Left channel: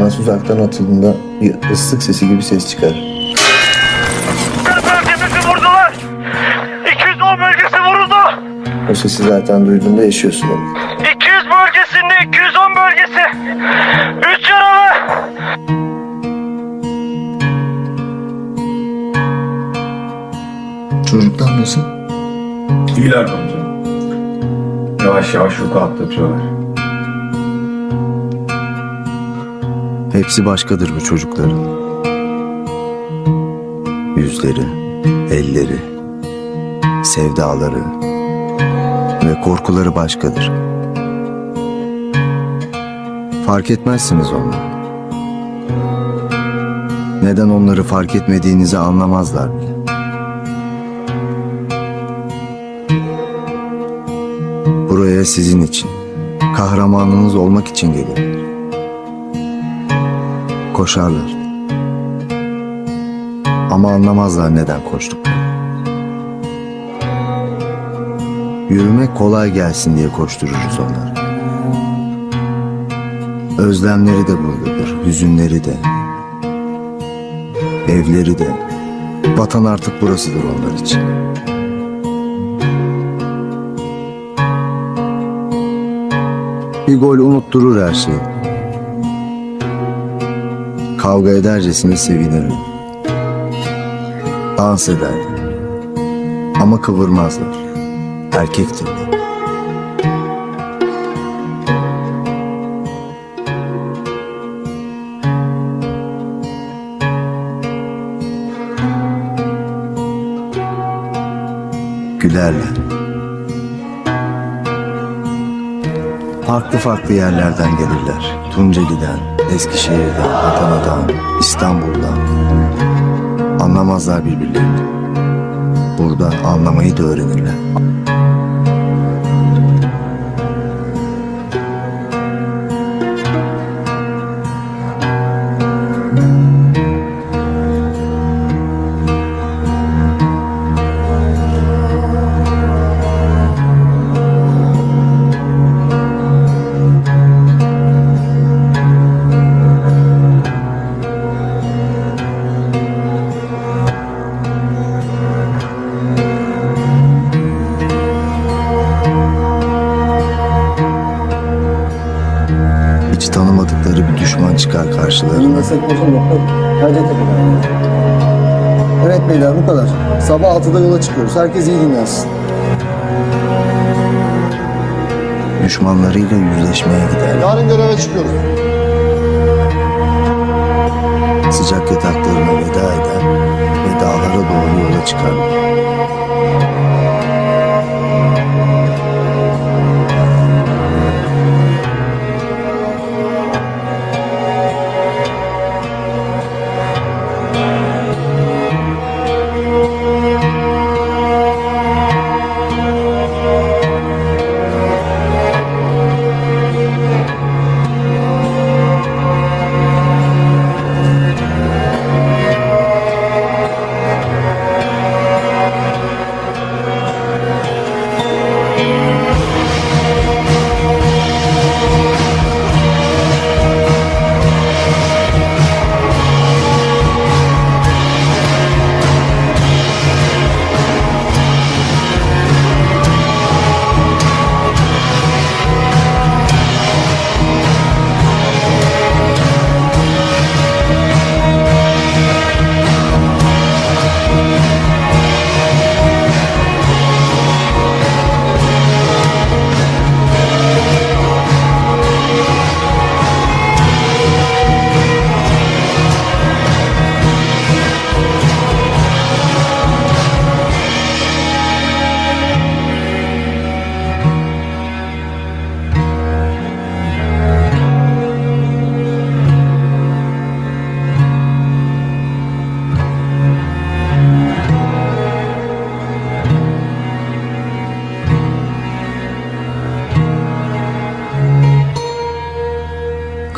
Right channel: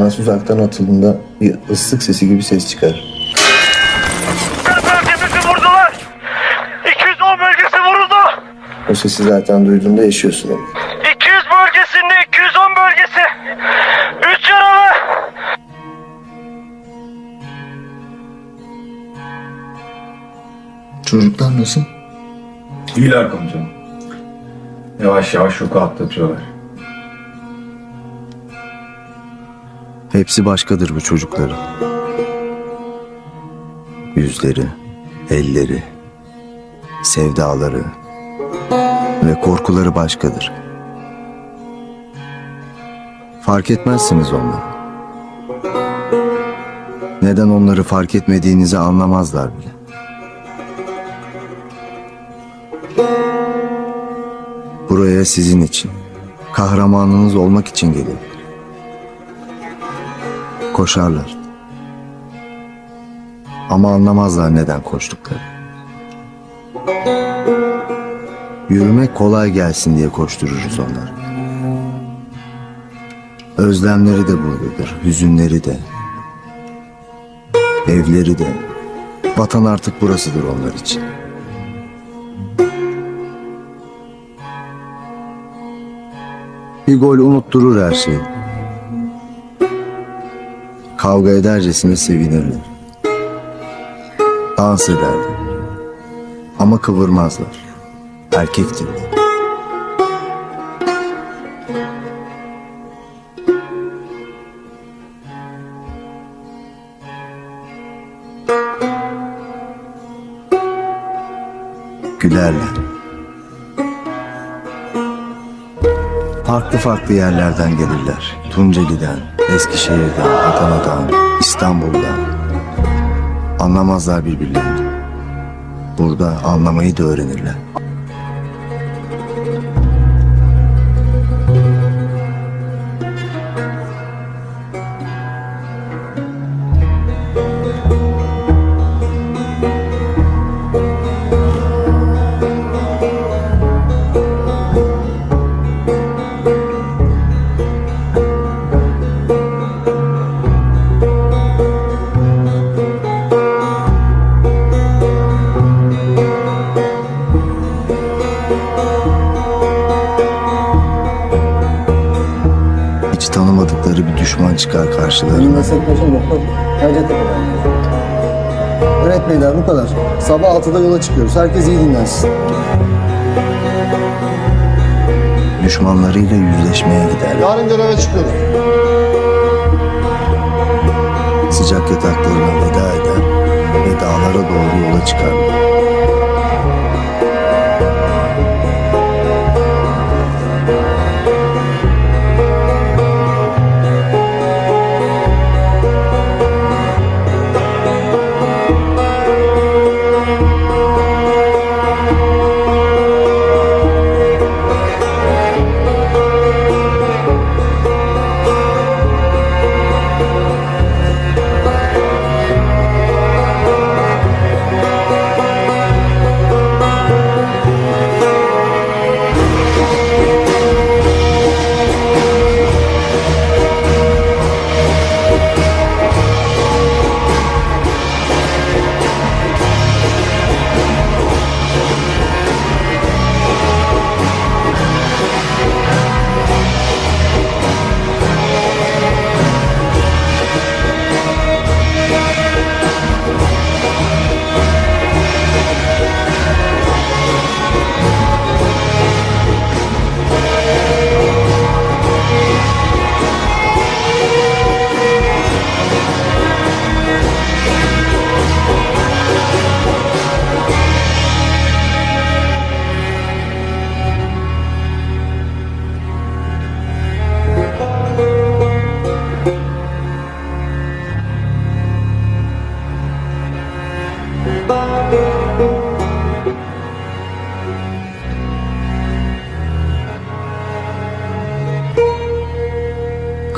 Ayağınız uzaktan atıldığında bir ıslık sesi gibi ses çıkar. Bölgemizi vurdular. 210 bölgesi vuruldu. O sesi zaten duyduğunda yaşıyorsun onu. 200 bölgesinde 210 bölgesi. 3 yaralı. Çocuklar nasıl? İyiler komutanım. Yavaş yavaş ruku atlatıyorlar. Hepsi başkadır bu çocukların. Yüzleri, elleri, sevdaları ve korkuları başkadır. Fark etmezsiniz onları. Neden onları fark etmediğinizi anlamazlar bile. Buraya sizin için, kahramanınız olmak için gelirler. Koşarlar. Ama anlamazlar neden koştuklarını. Yürümek kolay gelsin diye koştururuz onları. Özlemleri de buradadır, hüzünleri de. Evleri de. Vatan artık burasıdır onlar için. Bir gol unutturur her şeyi. Kavga edercesine sevinirler. Dans ederler. Ama kıvırmazlar. Erkektirler. Gülerler. Farklı farklı yerlerden gelirler. Tunceli'den, Eskişehir'den, Adana'dan, İstanbul'dan. Anlamazlar birbirlerini. Burada anlamayı da öğrenirler. Tanımadıkları bir düşman çıkar karşılarına. Evet beyler bu kadar. Sabah 6'da yola çıkıyoruz. Herkes iyi dinlensin. Düşmanlarıyla yüzleşmeye giderler. Yarın göreve çıkıyoruz. Sıcak yataklarına veda eder ve dağlara doğru yola çıkarlar.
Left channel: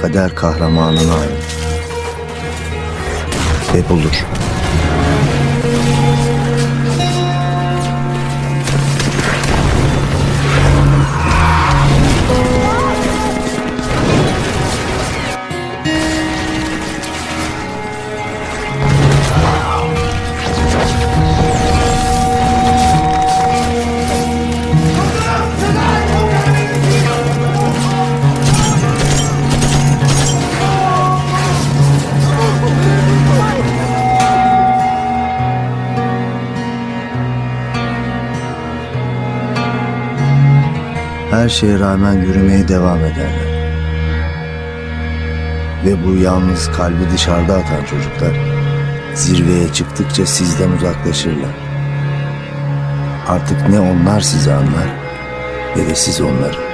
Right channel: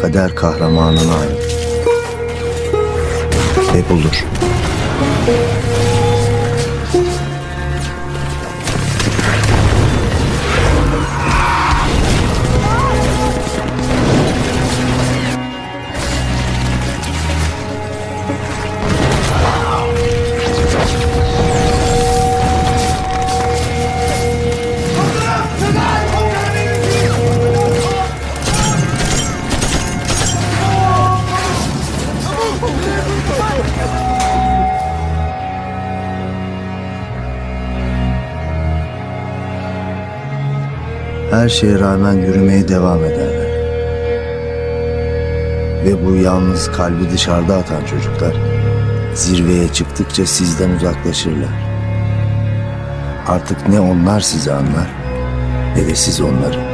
Kader kahramanına ait. Ve bulur. Her şeye rağmen yürümeye devam ederler. Ve bu yalnız kalbi dışarıda atan çocuklar zirveye çıktıkça sizden uzaklaşırlar. Artık ne onlar sizi anlar ne de siz onları.